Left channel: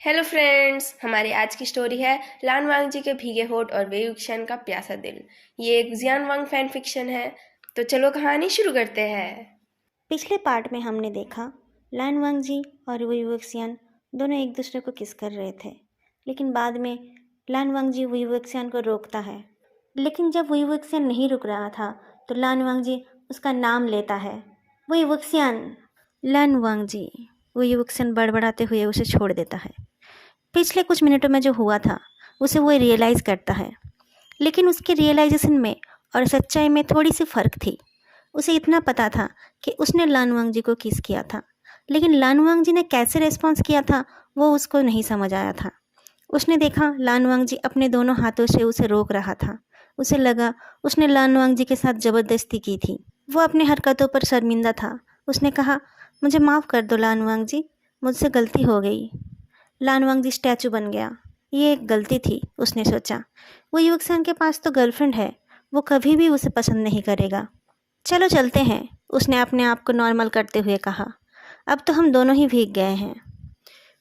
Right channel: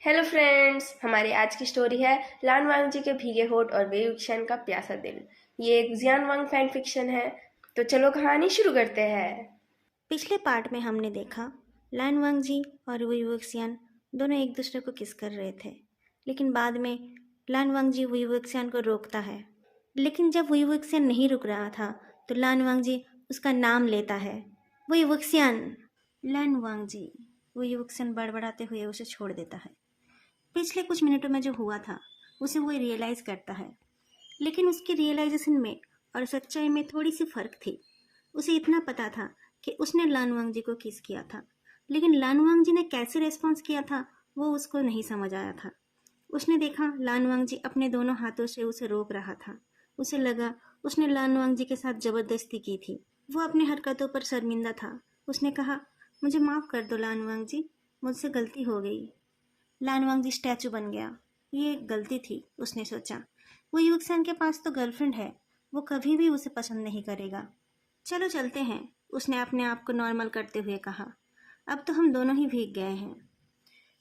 Hello friends, हमारी आज की स्टोरी है लान वांग जी के भीगे होठ और वेई wuxian का प्यासा दिल। ये एक जियान वांग फैन फिक्शन है। तो चलो कहानी शुरू करते हैं। पिछले पार्ट में हमने देखा लान वांग जी और वुई वुक्सियान दोनों एक दूसरे को किस कर रहे थे, लेकिन बाद में लान वांग जी वुई वुक्सियान को रोकता है। लेकिन जब वुई वुक्सियान नहीं रुक रहा था तो लान वांग जी उसका नाम लेता है, we वुक्सियान। Lawn Wang ji we वुक्सियान बड़बड़ाते हुए उसे छोड़ देता है। पिछले कुछ मिनटों में जो हुआ था उसे वो रियलाइज़ करता है, लेकिन उसके रियलाइजेशन में और सच्चाई में थोड़ी सी फ़र्क थी। उसे इतना पता था कि उसने लानवांग जी को किस किया था, लेकिन लानवांग जी ने कैसे रिस्पॉन्स किया था वो उसको नहीं समझ आया था। उसने देखा लानवांग जी अपने दोनों हाथों से उसे रोक रहा था। उसे लगा उसने लानवांग जी के साथ ज़बरदस्ती की थी। वो अपने हरकतों पर शर्मिंदा था। उसने कहा, मुझे माफ़ कर दो लानवांग जी, मुझसे गलती हो गई। लानवांग जी स्टैचू बन गया। ये एक गलती थी, उसने सोचा। वो युवकसन के पास तो गर्लफ्रेंड है, वो कभी भी उसे पसंद नहीं करेगा। चलो चलते हैं, उसने अपने आप को नॉर्मल करते हुए कहा। अब तो हम दोनों ही भीग गए हैं।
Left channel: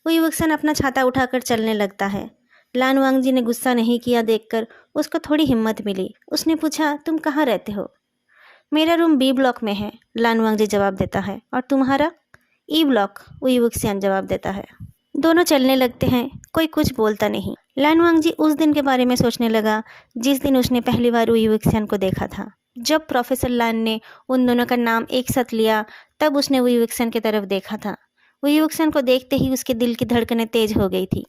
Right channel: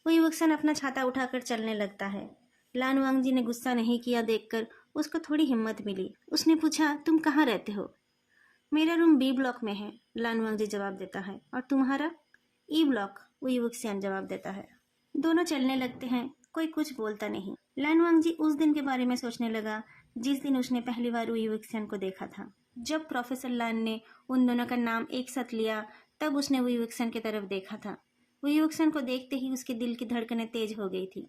वो युवकसन अपना छाता उठाकर चलने लगता है। लानवांग जी ने गुस्सा नहीं किया देखकर उसको थोड़ी हिम्मत मिली। उसने पूछा, तुम कहाँ रहते हो? मेरा रूम बी ब्लॉक में है, लानवांग जी जवाब देता है। और तुम्हारा? ई ब्लॉक, वो युवकसियान जवाब देता है। दोनों चलने लगते हैं, कोई कुछ बोलता नहीं। लानवांग जी उस दिन के बारे में सोचने लगा जिस दिन उसने पहली बार वो युवकसियान को देखा था। जब प्रोफेसर लान ने उन दोनों का नाम एक साथ लिया तब उसने वो युवकसियान की तरफ देखा था। वो युवकसियान को देखते ही उसके दिल की धड़कनें तेज हो गई थी।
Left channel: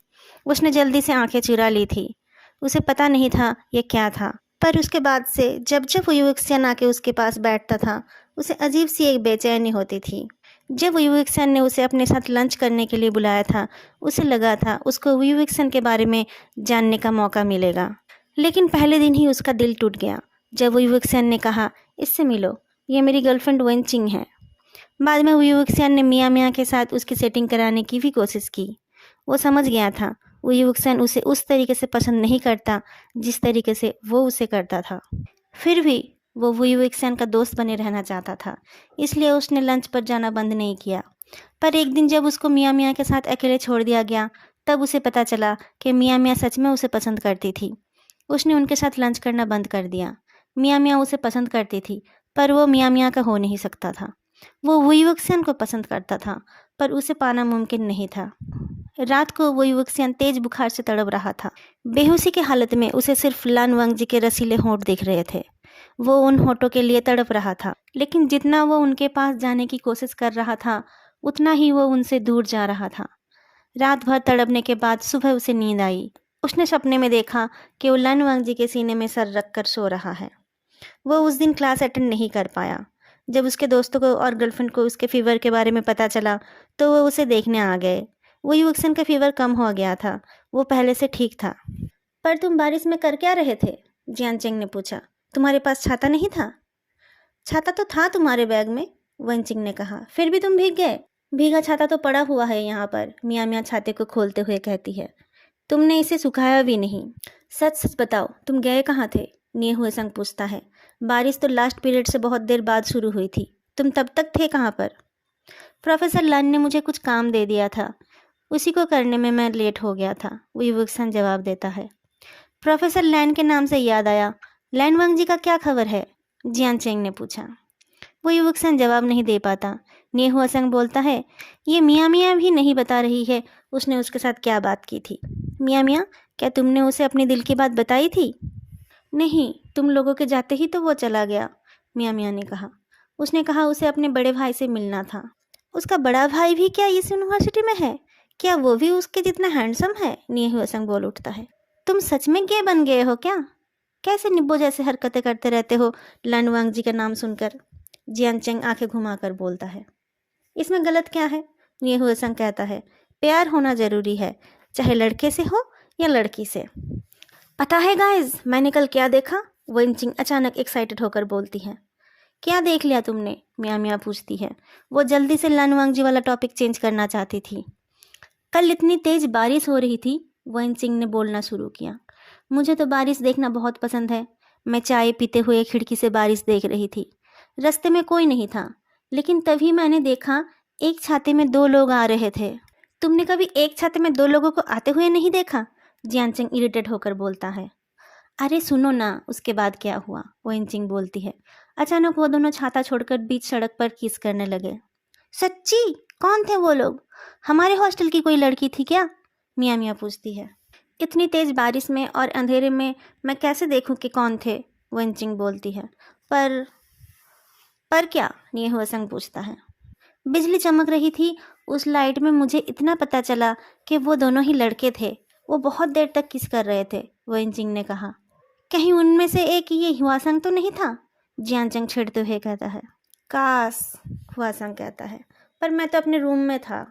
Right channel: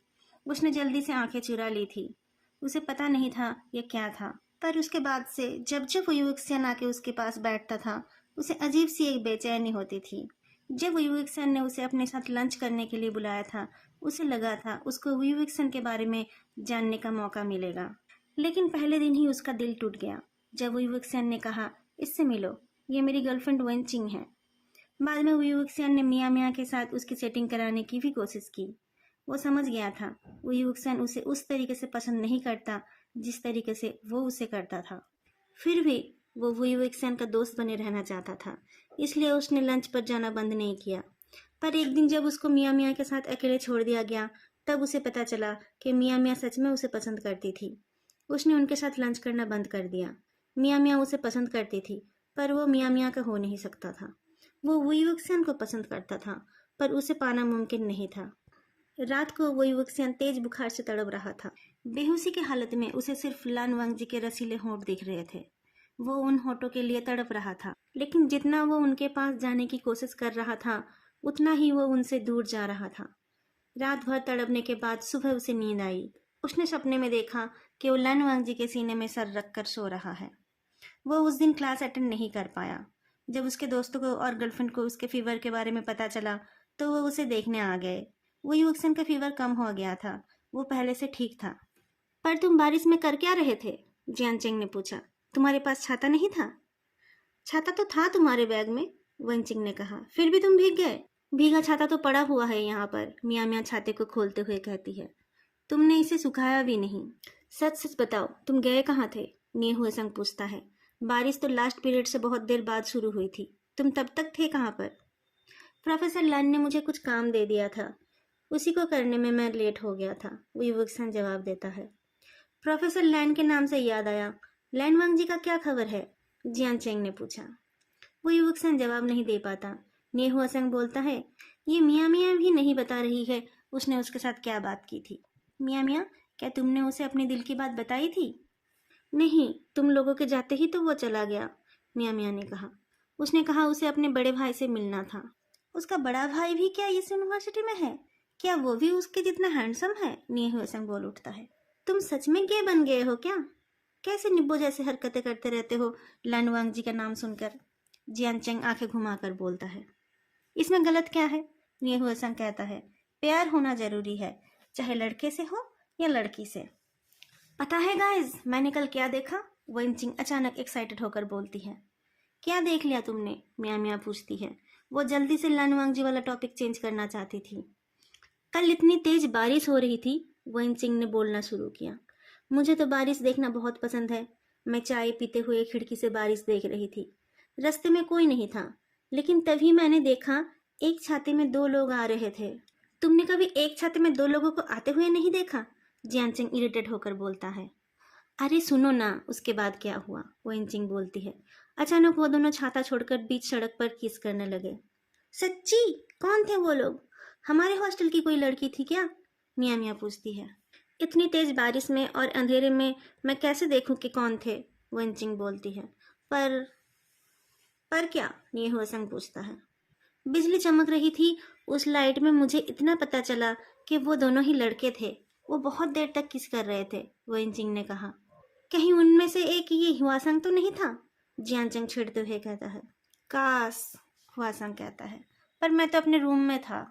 उसने जल्दी से आंखें चुरा ली थी। उसे पता नहीं था ये क्या था, पर उसके बाद से जब जब वो युवकसियान आके उसके पास बैठता था उसे अजीब सी एक बेचैनी होती थी। जब विवेकसन ने उसे अपने साथ लंच करने के लिए बुलाया था उसे लगा था उसको विवेकसन के बारे में जानने का मौका मिलेगा, लेकिन पहले दिन ही उसका दिल टूट गया जब विवेकसन ने कहा, इससे मिलो, ये मेरी गर्लफ्रेंड वेंचिंग है। बाद में विवेकसन ने मियाँ मियाँ के साथ उसकी सेटिंग कराने की भी कोशिश की। वो समझ गया था विवेकसन उसे उस तरीके से पसंद नहीं करता जिस तरीके से वो उसे करता था। फिर भी वो विवेकसन का दोस्त बने रहना चाहता था, इसलिए उसने लंच पर जाना बंद नहीं किया। पर एक दिन जब उसको मियाँ मियाँ के साथ अकेले छोड़ दिया गया तब उसे पता चला कि मियाँ मियाँ सच में उसे पसंद करती थी। उसने उनके साथ लंच करना बंद कर दिया। मियाँ मियाँ उसे पसंद करती थी पर वो मियाँ मियाँ का हो नहीं सकता था। वो विवेकसन को पसंद करता था पर उसे पाना मुमकिन नहीं था। रात को वो युवकसियान तेज बुखार से तड़प रहा था। बेहोशी की हालत में उसे सिर्फ लान वांग जी के रसीले होंठ दिख रहे थे। वो उन होठों के लिए तड़प रहा था, लेकिन जितना वो उनके पास जाने की कोशिश कर रहा था उतना ही वो उनसे दूर जा रहा था। रात भर तड़पने के बाद सुबह उसे नींद आई। उसने सपने में देखा कि वो लान वांग जी के सीने में सर रख कर सो रहा है। वो उस दिन क्लास अटेंड नहीं कर पाया। जब उसके दोस्तों को और गर्लफ्रेंड को उसके फीवर के बारे में पता चला तो वो उसे देखने आ गए। वो युवक्सन का फीवर कम हो गया था, वो पहले से ठीक था। पर तुम बारिश में कर क्या रहे थे? जियान चेंग ने पूछा। तुम्हारे पास छाता नहीं था? छाता तो था तुम्हारे बैग में, वंचिंग ने कहा। फिर भी तुम भीग गए। भीगा छाता तो पड़ा हुआ है यहाँ पर, मियाँ मियाँ छाते को खोलते हुए कहती है। तुमने इसे सुखाया भी नहीं। सच सच बताओ, तुम गए कहाँ थे? निये हुए संग पूछता है। बारिश तो लास्ट पीरियड से बहुत देर बाद शुरू हुई थी, तुम तब तक थे कहाँ पर? प्रोफेसर लन ने मुझे कुछ काम दे दिया था, उसी को करने में मैं लेट हो गया था, विवक्सन जवाब देता है। प्रोफेसर लैन के नाम से याद आया, लैन वांग जी का क्या खबर है? जियान चेंग ने पूछा। वो युवकसन जवाब नहीं दे पाता। नेहुआ संग बोलता है, ये मियाँ मियाँ भी नहीं बता रही है उसने उसके साथ क्या बात की थी। मियाँ मियाँ, क्या तुमने उसे अपने दिल की बात बताई थी? नहीं, तुम लोगों के जाते ही तो वो चला गया, मियाँ मियाँ ने कहा। उसने कहा उसे अपने बड़े भाई से मिलना था। उसका बड़ा भाई भी क्या इस यूनिवर्सिटी में है? क्या वो भी उसके जितना हैंडसम है? नेहुआ संग बोल उठता है। तुम सच में गे बन गए हो क्या? कैसे निब्बो जैसे हरकतें करते रहते हो लनवांग जी का नाम सुनकर? जियान चेंग आंखें घुमाकर बोलता है। इसमें गलत क्या है? ये हुए संग कहता है। प्यार होना जरूरी है, चाहे लड़के से हो या लड़की से। पता है गाइस, मैंने कल क्या देखा? वंचिंग अचानक एक्साइटेड होकर बोलती है। क्या देख लिया तुमने? मियाँ मियाँ पूछती है। वो जल्दी से लनवांग जी वाला टॉपिक चेंज करना चाहती थी। कल इतनी तेज बारिश हो रही थी, वंचिंग ने बोलना शुरू किया। मुझे तो बारिश देखना बहुत पसंद है। मैं चाय पीते हुए खिड़की से बारिश देख रही थी। रास्ते में कोई नहीं था, लेकिन तभी मैंने देखा एक छाते में दो लोग आ रहे थे। तुमने कभी एक छाते में दो लोगों को आते हुए नहीं देखा? जियानचंग इरिटेट होकर बोलता है। अरे सुनो ना, उसके बाद क्या हुआ? वेनचिंग बोलती है। अचानक वो दोनों छाता छोड़कर बीच सड़क पर किस करने लगे। सच्ची? कौन थे वो लोग? हमारे हॉस्टल की कोई लड़की थी क्या? मिया मिया पूछती है। इतनी तेज बारिश में और अंधेरे में मैं कैसे देखूं कि कौन थे? वेनचिंग बोलती है। पर क्या? नियहुआसंग पूछता है। बिजली चमक रही थी, उस लाइट में मुझे इतना पता चला कि वो दोनों ही लड़के थे। वो बहुत देर तक किस कर रहे थे, वेनचिंग ने कहा। कहीं उनमें से एक ये हुआसंग तो नहीं था? जियानचंग छिड़ते हुए कहता है। काश, हुआसंग कहता है, पर मैं तो अपने रूम में था।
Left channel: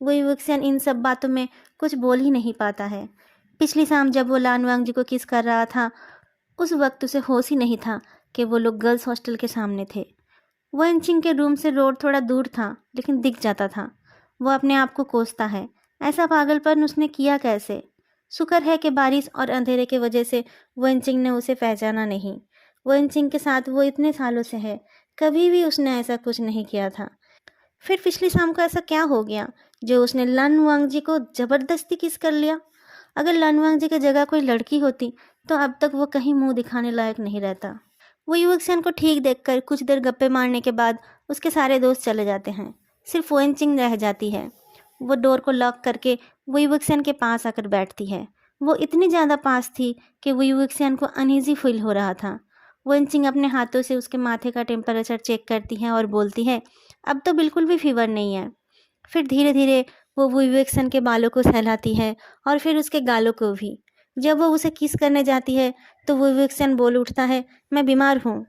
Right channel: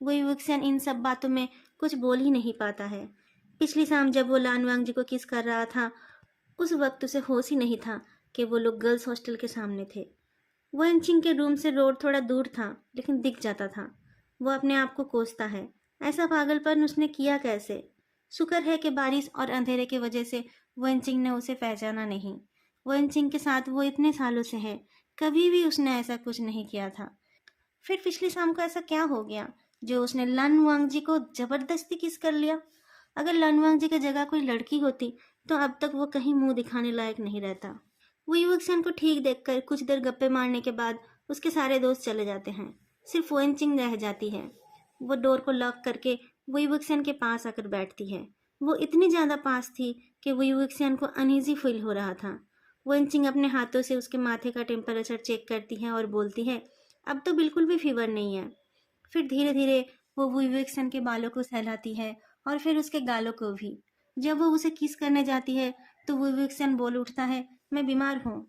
वही वुक्सेन इन सब बातों में कुछ बोल ही नहीं पाता है। पिछली शाम जब वो लानवांग जी को किस कर रहा था, उस वक्त उसे होश ही नहीं था कि वो लोग गर्ल्स हॉस्टल के सामने थे। वनचिंग के रूम से रोड थोड़ा दूर था, लेकिन दिख जाता था। वो अपने आप को कोसता है, ऐसा पागलपन उसने किया कैसे? शुक्र है कि बारिश और अंधेरे की वजह से वनचिंग ने उसे पहचाना नहीं। वनचिंग के साथ वो इतने सालों से है, कभी भी उसने ऐसा कुछ नहीं किया था। फिर पिछली शाम को ऐसा क्या हो गया जो उसने लन वांग जी को जबरदस्ती किस कर लिया? अगर लन वांग जी की जगह कोई लड़की होती तो अब तक वो कहीं मुंह दिखाने लायक नहीं रहता। वो युवक को ठीक देखकर कुछ देर गप्पे मारने के बाद उसके सारे दोस्त चले जाते हैं। सिर्फ वेनचिंग रह जाती है। वो डोर को लॉक करके वो युवक के पास आकर बैठती है। वो इतनी ज़्यादा पास थी कि वो युवक को अनईजी फील हो रहा था। वेनचिंग अपने हाथों से उसके माथे का टेम्परेचर चेक करती है और बोलती है, अब तो बिल्कुल भी फीवर नहीं है। फिर धीरे धीरे वो विवेकसन के बालों को सहलाती है और फिर उसके गालों को भी। जब वो उसे किस करने जाती है तो विवेकसन बोल उठता है, मैं बीमार हूँ।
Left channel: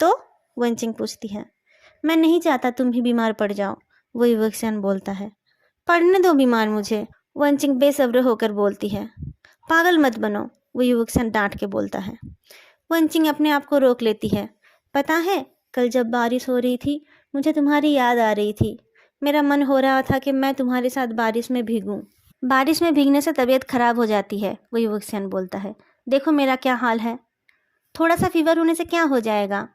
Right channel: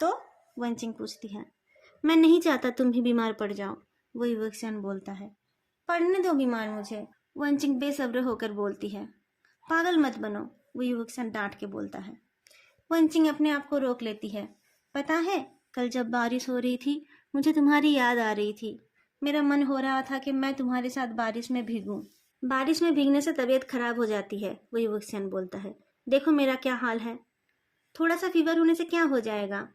तो वंचिंग पूछती है। मैं नहीं चाहता तुम भी बीमार पड़ जाओ, वो विवेकसन बोलता है। पढ़ने दो बीमार मुझे, वंचिंग बेसब्र होकर बोलती है। पागल मत बनो, वो युवकसन डांट के बोलता है। वंचिंग अपने आप को रोक लेती है। पता है, कल जब बारिश हो रही थी मुझे तुम्हारी याद आ रही थी। मेरा मन हो रहा था कि मैं तुम्हारे साथ बारिश में भीगूं। बारिश में भीगने से तबीयत खराब हो जाती है, वो युवकसन बोलता है। देखो मेरा क्या हाल है। थोड़ा सा फीवर होने से क्या हो जाएगा?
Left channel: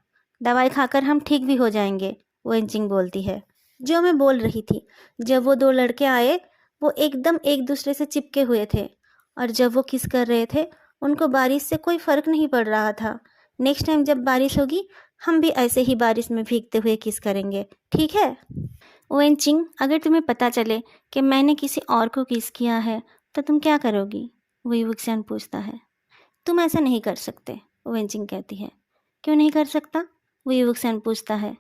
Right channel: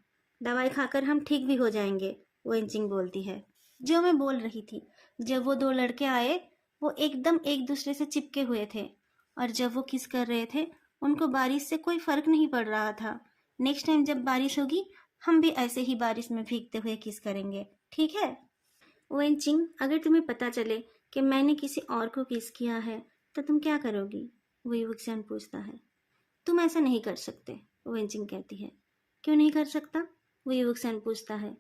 दवाई खाकर हम ठीक भी हो जाएंगे, वेंचिंग बोलती है। जो मैं बोल रही थी, जब वो दो लड़के आए वो एकदम एक दूसरे से चिपके हुए थे, और जब वो किस कर रहे थे उनको बारिश से कोई फर्क नहीं पड़ रहा था। नेक्स्ट टाइम जब बारिश होगी हम भी ऐसे ही बारिश में भीगते हुए किस करेंगे, ठीक है? वेंचिंग, अगर तुम्हें पता चले कि मैंने किसी और को किस किया है तो तुम क्या करोगी? वो युवक पूछता है। तुम ऐसा नहीं कर सकते, वेंचिंग कहती है। क्यों नहीं कर सकता? वो युवक पूछता है।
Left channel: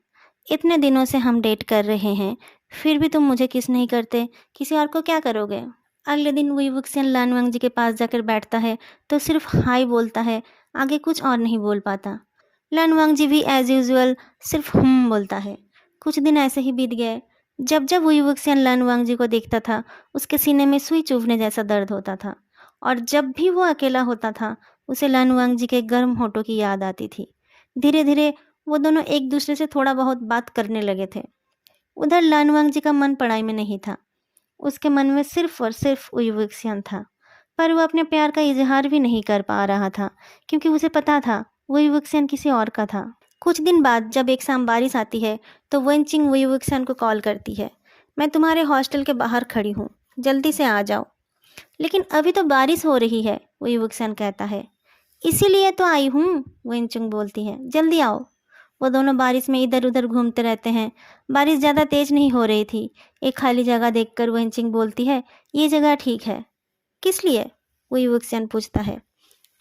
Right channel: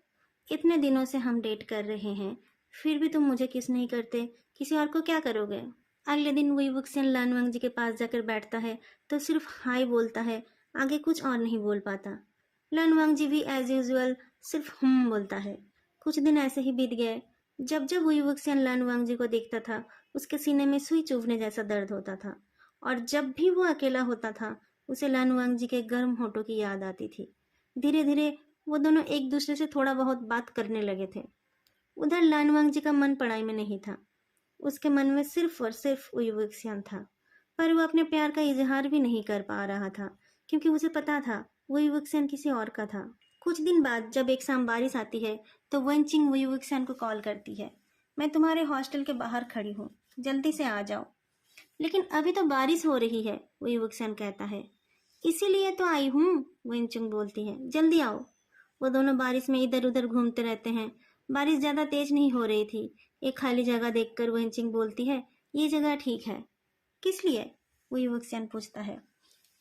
इतने दिनों से हम डेट कर रहे हैं, फिर भी तुम मुझे किस नहीं करते, किसी और को क्या करोगे? अगले दिन वो युवक लानवांग जी के पास जाकर बैठता है तो सिर्फ हाई बोलता है, आगे कुछ और नहीं बोल पाता। लानवांग जी भी एज यूजुअल सिर्फ बोलता है। कुछ दिन ऐसे ही बीत गए। जब जब वो युवक लानवांग जी को देखता था उसके सीने में सुई चुभने जैसा दर्द होता था, और जब भी वो अकेला होता था उसे लानवांग जी के गर्म होठों की याद आती थी। धीरे धीरे वो दोनों एक दूसरे से थोड़ा बहुत बात करने लगे थे। उधर लानवांग जी का मन पढ़ाई में नहीं था, उसके मन में सिर्फ और सिर्फ युवक्सियन था। पर वो अपने प्यार का इजहार भी नहीं कर पा रहा था, क्योंकि उसे पता था वो युवक्सियन किसी और का था। कुछ दिन बाद जब एक शाम बारिश आती है तो वेंचिंग वो युवक्सियन को कॉल करती है। मैं तुम्हारे हॉस्टल के बाहर खड़ी हूँ, जल्दी से आ जाओ। लेकिन अभी तो बारिश हो रही है, वो युवकसन कहता है। इसीलिए तो आई हूँ, वेंचुंग बोलती है, जल्दी आओ। वो दोनों बारिश में इधर उधर घूमते रहते हैं। बारिश ज़्यादा तेज नहीं हो रही थी। एक खाली जगह देखकर वेंचिंग बोलती है, ये जगह ठीक है। किस लिए? वो युवकसन पूछता है।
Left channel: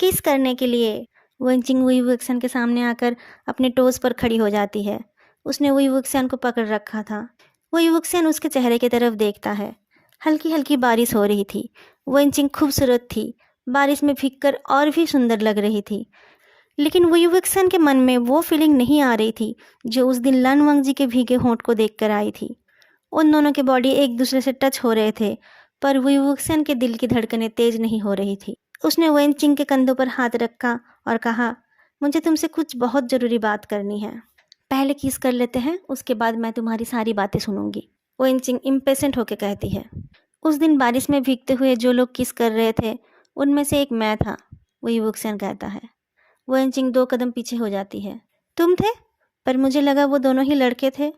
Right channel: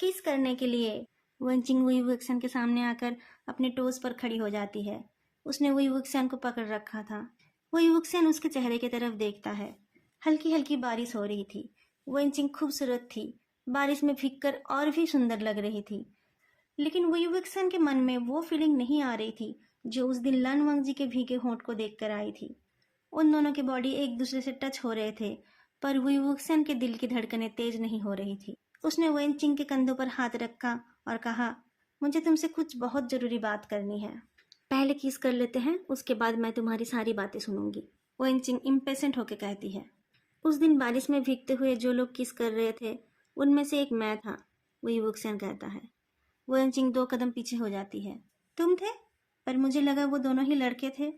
किस करने के लिए? वेंचिंग वो युवकसन के सामने आकर अपने टोस पर खड़ी हो जाती है। उसने वो युवकसन को पकड़ रखा था। वो युवकसन उसके चेहरे की तरफ देखता है। हल्की हल्की बारिश हो रही थी। वेंचिंग खूबसूरत थी, बारिश में भीगकर और भी सुंदर लग रही थी। लेकिन वो युवकसन के मन में वो फीलिंग नहीं आ रही थी जो उस दिन लानवांग जी के भीगे होंठ को देखकर आई थी। उन दोनों के बॉडी एक दूसरे से टच हो रहे थे, पर वो युवकसन के दिल की धड़कनें तेज नहीं हो रही थी। उसने वेंचिंग के कंधों पर हाथ रखा और कहा, मुझे तुमसे कुछ बहुत ज़रूरी बात करनी है। पहले किस कर लेते हैं, उसके बाद मैं तुम्हारी सारी बातें सुनूंगी, वेंचिंग इम्पेशेंट होकर कहती है। उस दिन बारिश में भीगते हुए जो लोग किस कर रहे थे उनमें से एक मैं था, वो युवकसन कहता है। वेंचिंग 2 कदम पीछे हो जाती है। तुम थे? पर मुझे लगा वो दोनों ही लड़के थे।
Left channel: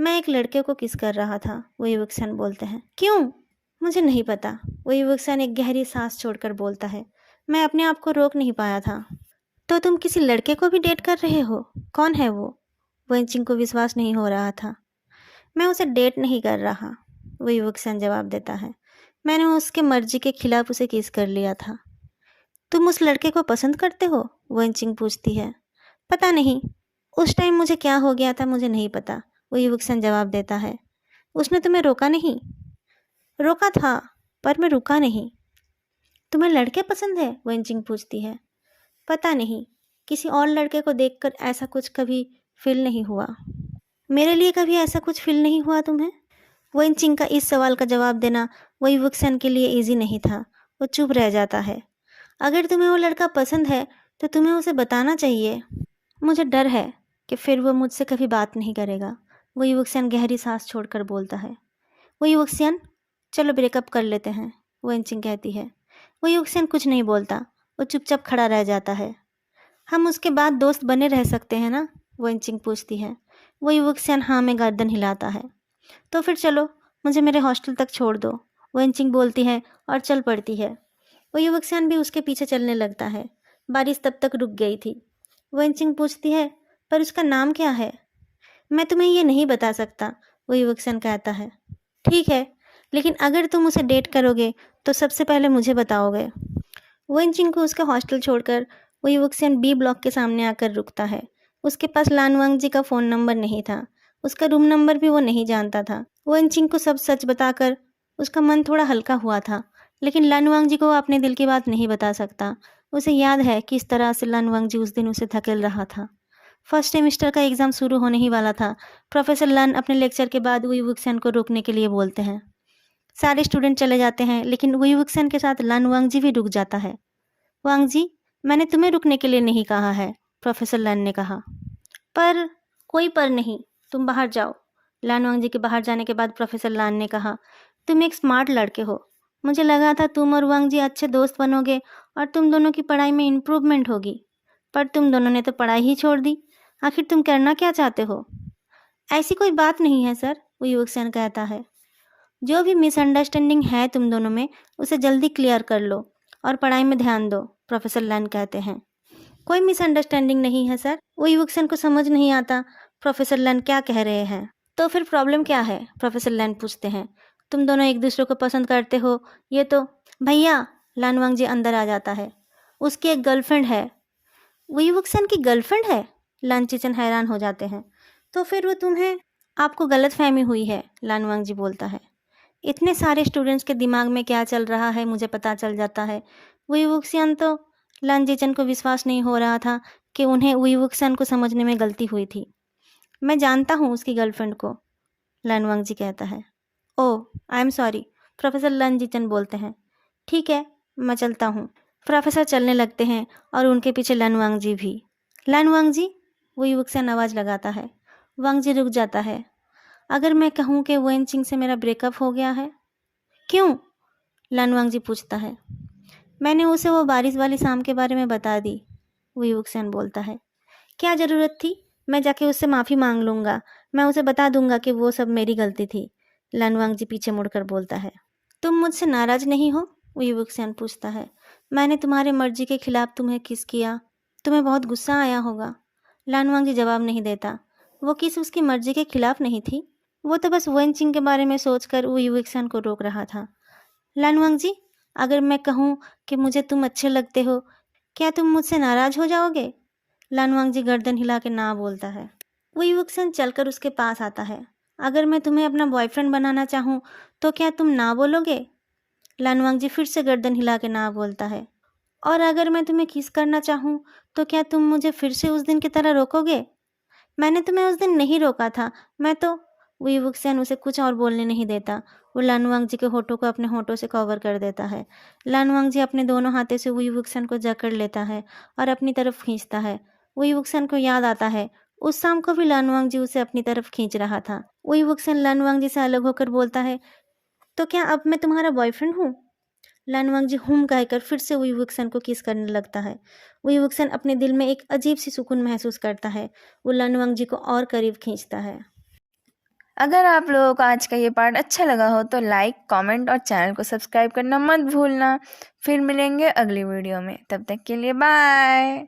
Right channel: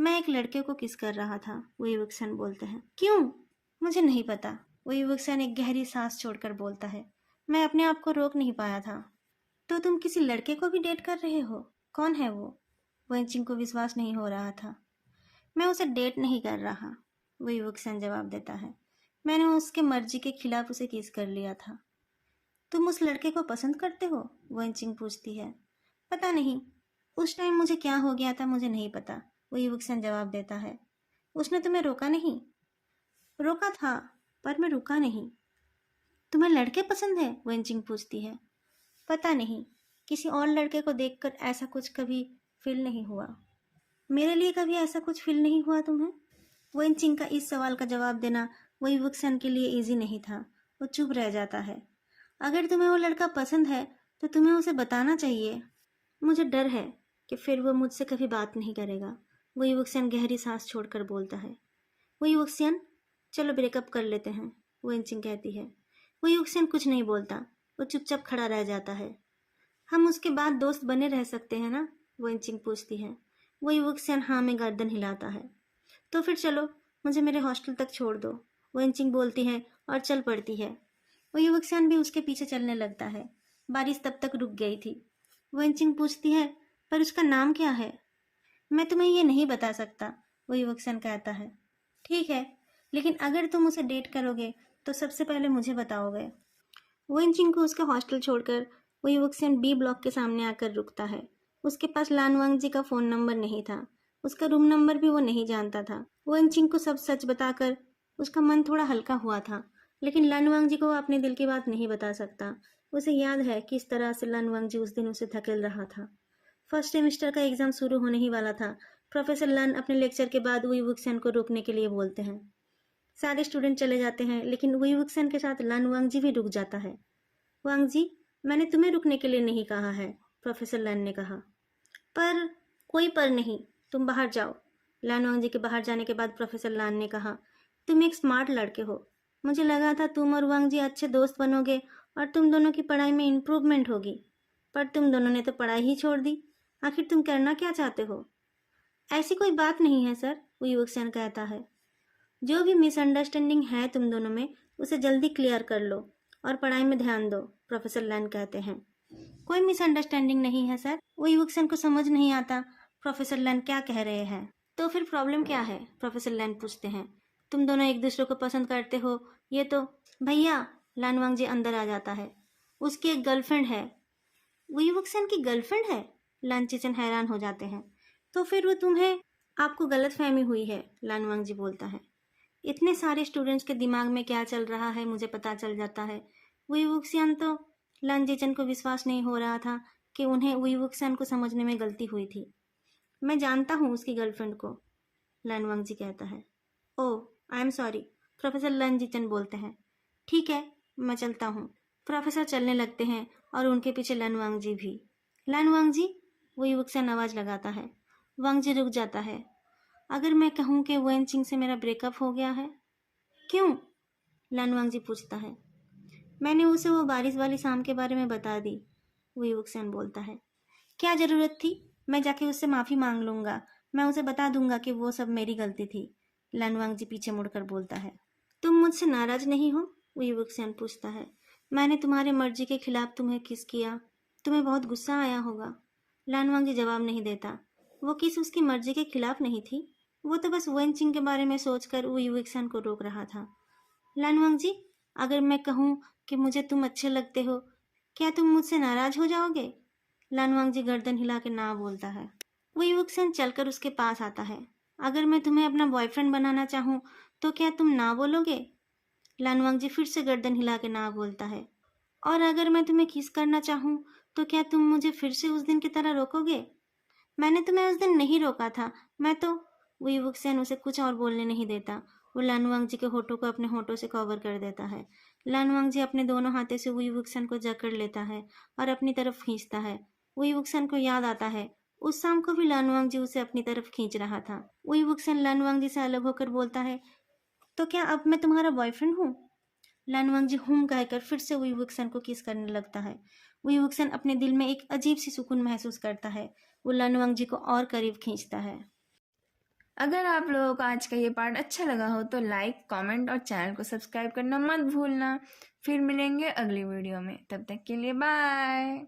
मैं एक लड़के को किस कर रहा था, वो युवकसन बोलते हैं। क्यों? मुझे नहीं पता, वो युवकसन एक गहरी सांस छोड़कर बोलता है। मैं अपने आप को रोक नहीं पाया था। तो तुम किसी लड़के को भी डेट कर रहे हो? कौन है वो? वेंचिंग को विश्वास नहीं हो रहा था। मैं उसे डेट नहीं कर रहा, वो युवकसन जवाब देता है। मैंने उसके मर्जी के खिलाफ उसे किस कर लिया था। तुम उस लड़के को पसंद करते हो? वेंचिंग पूछती है। पता नहीं, उस टाइम मुझे क्या हो गया था मुझे नहीं पता, वो युवकसन जवाब देता है। उसने तुम्हें रोका नहीं? रोका था, पर मैं रुका नहीं। तुम्हें लड़के पसंद है? वेंचिंग पूछती है। पता नहीं, किसी और लड़के को देखकर ऐसा कुछ कभी फील नहीं हुआ। मेरे लिए कभी ऐसा कुछ फील नहीं हुआ तुम्हें? वेंचिंग का इस सवाल का जवाब देना वही वुक्सन के लिए इजी नहीं था। वो चुप रह जाता है। अगर तुम्हें वो लड़का पसंद है तो तुम्हें उसे बताना चाहिए। मुझे डर है कि फिर वो मुझसे कभी बात नहीं करेगा, वो युवक्सियन गहरी सांस छोड़कर बोलता है। वो युवक्सियन, चलो ब्रेकअप कर लेते हैं, वेंचिंग कहती है। वो युवक्सियन कुछ नहीं बोलता, वो चुपचाप खड़ा रह जाता है। हम उसके बाद दोस्त बने रह सकते हैं ना, वेंचिंग पूछती है। वो युवक्सियन हाँ में गर्दन हिलाता है। तो फिर चलो, मुझे मेरे हॉस्टल तक छोड़ दो, वेंचिंग बोलती है और चल पड़ती है। वो युवक्सियन भी उसके पीछे चलने लगता है। बारिश तब तक रुक गई थी। वेंचिंग पूछती है, पर उसका नाम क्या है? मैं तुम्हें ये नहीं बता सकता, वो युवक्सियन कहता है। ठीक है, लेकिन अगर तुम उसे डेट करोगे तो सबसे पहले मुझे बताओगे। वेंचिंग को उसका हॉस्टल छोड़कर वो युवक्सियन बी ब्लॉक के सामने आकर रुकता है। उसके पास लानवांग जी का फ़ोन नंबर नहीं था, उसका रूम नंबर भी वो नहीं जानता था। वेंचिंग को सब सच बताकर उसका मन थोड़ा हल्का हुआ था, लेकिन लानवांग जी को वो अपने दिल की बात नहीं बता सकता। उसे याद है किस तरह से लानवांग जी उस दिन उसे धकेल रहा था। फर्स्ट सेमेस्टर का एग्ज़ाम शुरू होने ही वाला था। प्रोफेसर लन अपने लेक्चर के बाद वुई वुक्सन को रोकने के लिए बोलते हैं। सारे स्टूडेंट चले जाते हैं, लेकिन वुई वुक्सन के साथ लन वांग जी भी रुक जाता है। वांग जी, मैंने तुम्हें रुकने के लिए नहीं कहा है, प्रोफेसर लन ने कहा। पर कोई पर नहीं, तुम बाहर जाओ। लान वांग जी के बाहर जाने के बाद प्रोफेसर लान ने कहा, तुम एक स्मार्ट लड़के हो। मुझे लगा था तुम और वांग जी अच्छे दोस्त बनोगे और तुम दोनों की पढ़ाई में इम्प्रूवमेंट होगी, पर तुम दोनों ने तो पढ़ाई ही छोड़ दी। आखिर तुम करना क्या चाहते हो? ऐसी कोई बात नहीं है सर, वो युवक कहता है। जो भी मिसअंडरस्टैंडिंग है तुम दोनों में, उसे जल्दी क्लियर कर लो और पढ़ाई में ध्यान दो, प्रोफेसर लैन कहते हैं। कोई मिसअंडरस्टैंडिंग नहीं है सर, वो युवक्सन को समझ नहीं आता प्रोफेसर लैन क्या कह रहे हैं। तो फिर प्रॉब्लम क्या है, प्रोफेसर लैन पूछते हैं। तुम दोनों एक दूसरे को पसंद करते हो, ये तो। भैया, लानवांग जी अंदर आ जाता है। उसकी एक गर्लफ्रेंड है। वो युवक्सन की गर्लफ्रेंड है? लान चिचन हैरान हो जाते हैं। तो फिर वो तुम्हें, आपको गलत फहमी हुई है, लानवांग जी बोलता है। इतने सारे स्टूडेंट्स के दिमाग में क्या चल रहा है मुझे पता चल जाता है। वुईवुक्सियन तो, लानजीचन को विश्वास नहीं हो रहा था कि उन्हें वुईवुक्सियन को समझने में गलती हुई थी। मैं जानता हूँ उसकी गर्लफ्रेंड को, लानवांग जी कहता है। ओह, आई एम सॉरी, प्रोफेसर लानजीचन बोलते हैं। ठीक है, मैं चलता हूँ। प्रोफेसर चलने लगते हैं और उनके पीछे लानवांग जी भी। लानवांग जी, वुईवुक्सियन आवाज़ लगाता है। वांग जी रुक जाता है। अगर मैं कहूँ कि वेनचिंग से मेरा ब्रेकअप हो गया है? क्यों? लानवांग जी पूछता है। मैंने उसे वो बारिश वाली शाम के बारे में बता दी, वुईवुक्सन बोलता है। क्या ज़रूरत थी? मैं जाके उससे माफ़ी मांग लूँगा। मैं उसे बता दूंगा कि वो सब मेरी गलती थी, लानवांग जी पीछे मुड़कर बोलता है। तुम मुझसे नाराज़ नहीं हो? वुईवुक्सन पूछता है। मैंने तुम्हारे मर्जी के खिलाफ तुम्हें किस किया, तुम्हें बहुत गुस्सा आया होगा। लानवांग जी जवाब नहीं देता। वो किस उसकी मर्जी के खिलाफ नहीं थी, वो तो बस वेनचिंग के बारे में सोचकर वुईवुक्सन को रोक रहा था। लानवांग जी, अगर मैं कहूँ कि मुझे तुम अच्छे लगते हो, क्या तुम मुझसे नाराज हो जाओगे? लानवांग जी गर्दन हिला के ना बोलता है। वो युवकसन चलकर उसके पास आता है। अगर मैं तुम्हें अपना बॉयफ्रेंड बनाना चाहूँ तो क्या तुम ना बोलोगे? लानवांग जी फिर से गर्दन हिला के ना बोलता है। और अगर मैं तुम्हें किस करना चाहूँ तो क्या तुम मुझे फिर से उस दिन की तरह रोकोगे? मैंने तुम्हें उस दिन नहीं रोका था, मैं तो। वो युवकसन उसे कुछ और बोलने नहीं देता। वो लानवांग जी के होठों को अपने होठों से कवर कर देता है। लानवांग जी अपने दोनों हाथों से वो युवकसन को जकड़ लेता है और अपनी तरफ खींचता है। वो युवकसन को याद आता है उस शाम को भी लानवांग जी उसे अपनी तरफ खींच रहा था। वो युवकसन लानवांग जी से अलग होकर बोलता है, तो क्या अब मैं तुम्हारा बॉयफ्रेंड हूँ? लानवांग जी हुम कहकर फिर से वो युवकसन को किस करने लगता है। वो युवकसन अपने दिल में एक अजीब सी सुकून महसूस करता है। वो लानवांग जी को और करीब खींचता है। अगर आप लोगों को आज का ये पार्ट अच्छा लगा हो तो लाइक, कमेंट और चैनल को सब्सक्राइब करना मत भूलना। फिर मिलेंगे अगली वीडियो में, तब तक के लिए बाय।